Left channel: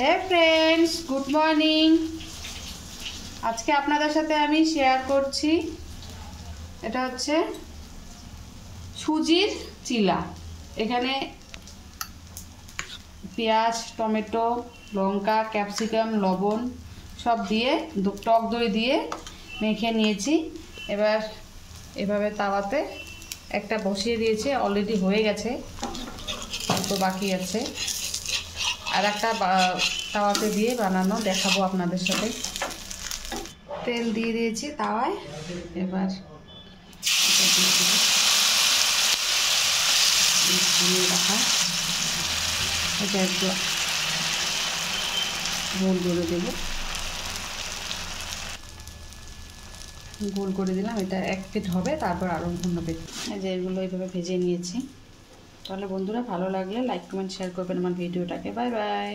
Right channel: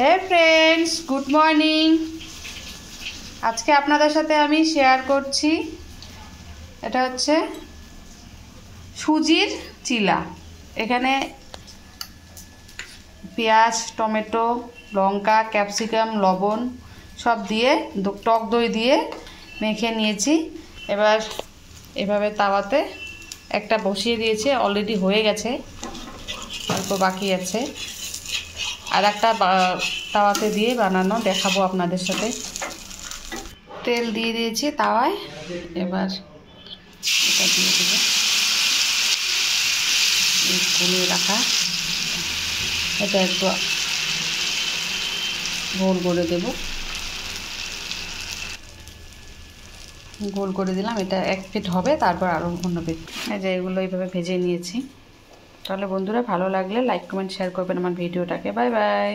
হে friends, good morning. আজকে আপনাদের সাথে আমি শেয়ার করছি, এটা হচ্ছে সুজির চিলা। এখানে পেঁয়াজ, টমেটো, লঙ্কা, ক্যাপসিকাম, লবণ সব দিয়ে টক দই দিয়ে মেখে নিয়েছি। এবার এভাবে তাওয়াতে একটা বসিয়ে দিয়েছে, অলরেডি হয়ে গেছে, অল্প বাকি আছে। আর একটা তাওয়াতে দিয়ে বানানো দেখাবো আপনাদের সাথে। তেল দিয়ে দিয়েছি তাওয়ায়, এবার এটা দিয়ে দেবো ভুনিয়ে রাখা। এটা একটু গোল করে দেব, গোল করে দিলাম। এটা এক ফিট হবে, তারপর আরও অন্য ফিট। এই যে এগুলো এইভাবে ভেজে নিয়েছি। তাহলে বন্ধুরা, ভালো লাগলে লাইক কমেন্ট শেয়ার করবেন আমার ভিডিওটাকে। Bye bye.